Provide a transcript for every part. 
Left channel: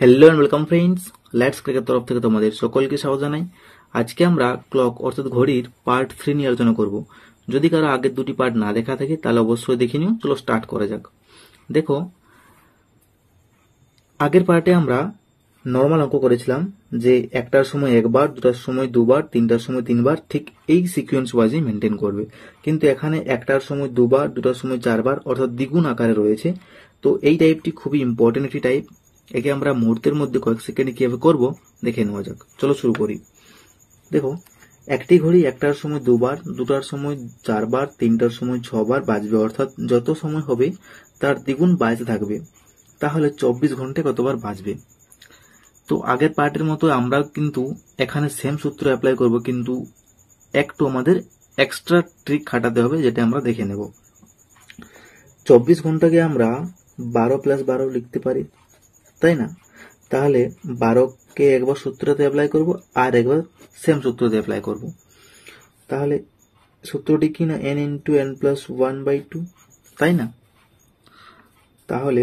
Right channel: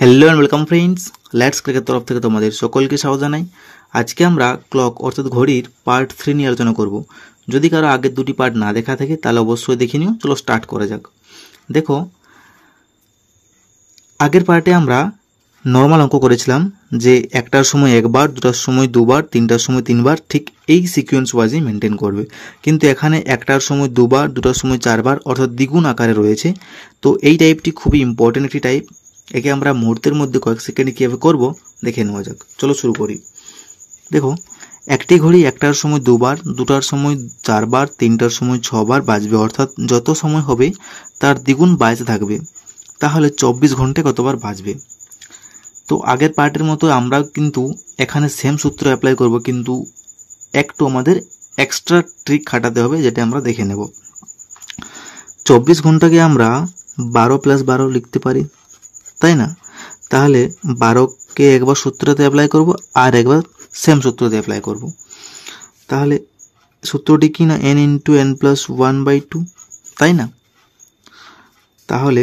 Hello and welcome friends, let's cricket তরফ থেকে তোমাদের সকলকে স্বাগত জানাই। আজকে আমরা ক্লক অর্থাৎ ঘড়ির পার্ট 3 নিয়ে আলোচনা করব। যদি কারো আগের দুটি পার্ট না দেখা থাকে তাহলে অবশ্যই দেখে নিও। চলো স্টার্ট করা যাক। দেখো, আগের পার্টে আমরা নর্মাল অঙ্ক করেছিলাম যে একটার সময় একবার, দুটার সময় দুবার, তিনটার সময় তিনবার, ঠিক এই সিকোয়েন্স ওয়াইজই মেনটেন করবে। কিন্তু এখানে একটার সময় দুবার, দুটার সময় চারবার, অর্থাৎ দ্বিগুণ আকারে রয়েছে। তো এই টাইপটি খুবই ইম্পর্টেন্ট একটি টাইপ। একে আমরা মুহূর্তের মধ্যে কয়েক সেকেন্ডে কীভাবে করব দেখে নেওয়া যাক। চলো শুরু করি। দেখো, একটি ঘড়ি একটার সময় দুবার, দুটার সময় চারবার, তিনটার সময় ছবার বাজবে, অর্থাৎ যত সময় হবে তার দ্বিগুণ বাজতে থাকবে। তাহলে 24 ঘন্টায় কতবার বাজবে? তো আগের পার্টের মতো আমরা কিন্তু এখানে সেম সূত্র অ্যাপ্লাই করব, কিন্তু একটু আমাদের এক্সট্রা ট্রিক খাটাতে হবে, যেটা আমরা দেখে নেব। 24 ঘন্টাকে আমরা 12 + 12 লিখতে পারি, তাই না? তাহলে 12কে একবার সূত্রতে অ্যাপ্লাই করব আর একবার সেম সূত্রতে অ্যাপ্লাই করব। তাহলে সূত্রটি কি না, n × n + 1/2, তাই না? তাহলে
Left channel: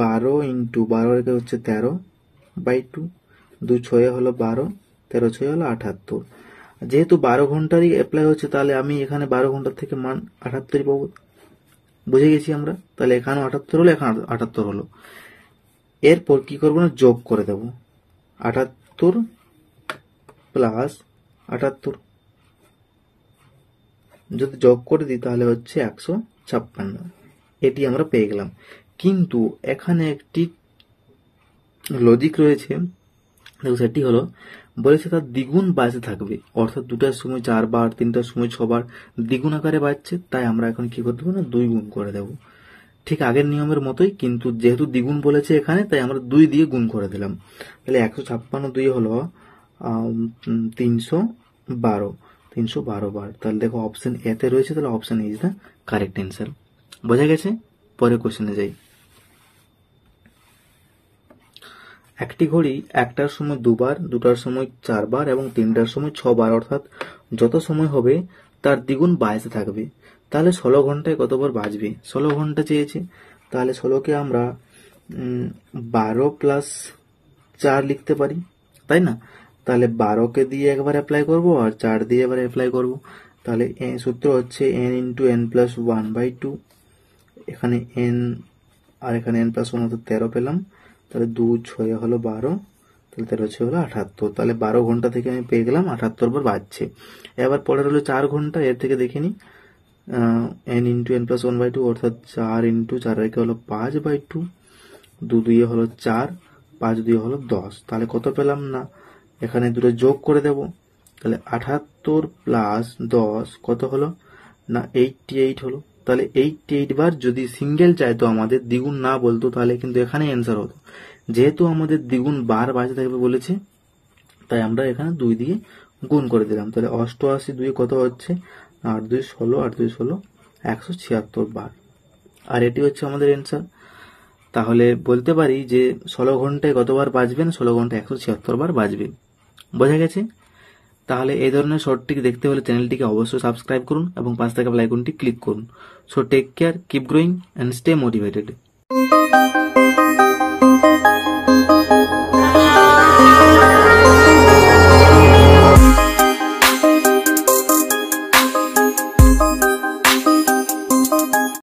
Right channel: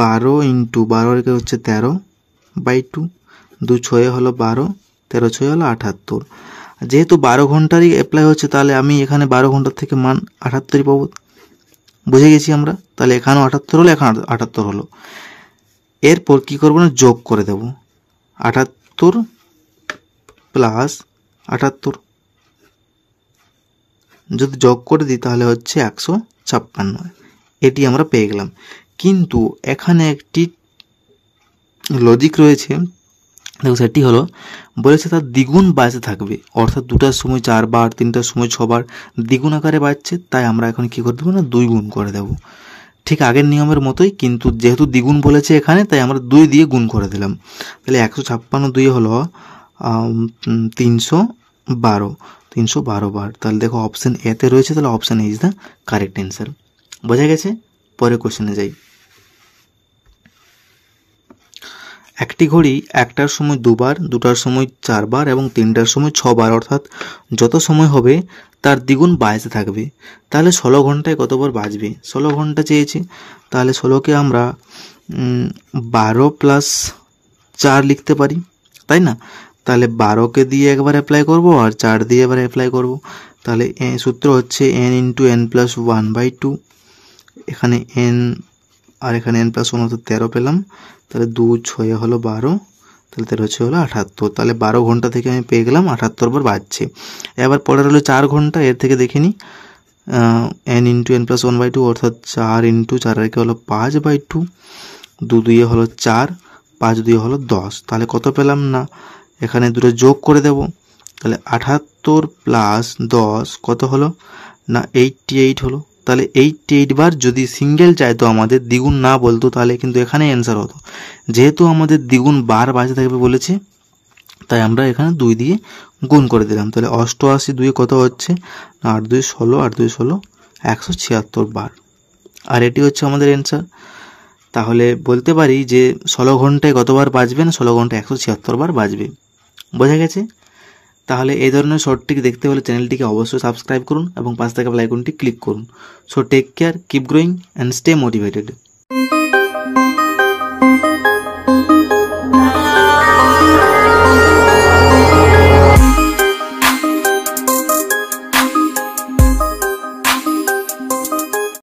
12 × 12 হচ্ছে 13/2, 2 6 হলো 12, 13 6 হলো 78। যেহেতু 12 ঘন্টারই অ্যাপ্লাই হচ্ছে, তাহলে আমি এখানে 12 ঘন্টার থেকে মান 78ই পাবো। বুঝে গেছি আমরা। তাহলে এখানেও 78 হলো, এখানে 78 হলো। এরপর কি করবো না, যোগ করে দেব 78 + 78। যদি যোগ করে দিই তাহলে হচ্ছে 156। এটি আমরা পেয়ে গেলাম। কিন্তু এখানে একটি লজিক রয়েছে। দেখো, সেটি হলো, বলেছে তার দ্বিগুণ বাজতে থাকবে, অর্থাৎ দুটার সময় চারবার, তিনটার সময় ছবার দ্বিগুণ আকারে বাজছে। তাই আমরা এখন কি করে দেবো না, 2 গুণ করে দেব। ঠিক আগের নিয়মের মতোই, কিন্তু যেহেতু দ্বিগুণ বলেছে এখানে, তাই আমরা 2 দিয়ে গুণ করে দিলাম। তাহলে 156 2 হলো 312 বার। তাহলে দেখো, অপশন এতে রয়েছে, তাহলে option A is the correct answer. বোঝা গেছে? পরে কোশ্চেনে যাই। একটি ঘড়ি একটার সময় দুবার, দুটার সময় চারবার এবং তিনটার সময় ছবার, অর্থাৎ যত সময় হবে তার দ্বিগুণ বাজতে থাকবে। তাহলে 16 ঘন্টায় কতবার বাজবে? 16 ঘন্টা চেয়েছে, তাহলে 16কে আমরা 12 + 4 লিখতে পারি, তাই না? তাহলে 12কে দিয়ে একবার অ্যাপ্লাই করব আর 4 দিয়ে এবার অ্যাপ্লাই করব। তাহলে সূত্র হচ্ছে n × n + 1/2। এখানে n আর এখানে n + 1 অর্থাৎ 13 পেলাম। তাহলে 2 6 হলো 12, তাহলে 13 6 হলো 78। তাহলে 12 ঘন্টা থেকে আমি পেয়ে গেলাম 78 বার বাজছে। এবার পরের হলো 4 ঘন্টা। এর থেকে দেখে নিই, n × n + 1/2 অর্থাৎ 4 × 4 হলো 5/2, 2 2 হলো 4, 5 2 হলো 10। তাহলে কত পেলাম না, এখানে দুটো যোগ করে দেব। তাহলে 78 + 10 কত হলো না, 88 হলো। তাহলে 88 বার যদি সিঙ্গেল চাইতো, আমাদের দ্বিগুণ না বলতো, তাহলে কিন্তু এখানে অ্যান্সার হতো। যেহেতু আমাদের দ্বিগুণ বার বাজতে থাকবে বলেছে, তাই আমরা এখানে 2 দিয়ে গুণ করে দিলাম। তাহলে 88 2 কত হচ্ছে, 8 2 16, 8 2 16, 176 বার। আর এটি হচ্ছে আমাদের অ্যান্সার। তাহলে বলতে পারি যে 16 ঘন্টায় কতবার বাজবে না, 16 ঘন্টায় 176 বার বাজবে। বোঝা গেছে? তাহলে এই ধরনের শর্ট ট্রিক দেখতে হলে চ্যানেলটিকে অবশ্যই সাবস্ক্রাইব করুন এবং পাশে থাকা বেল আইকনটি ক্লিক করুন। So take care, keep growing and stay motivated.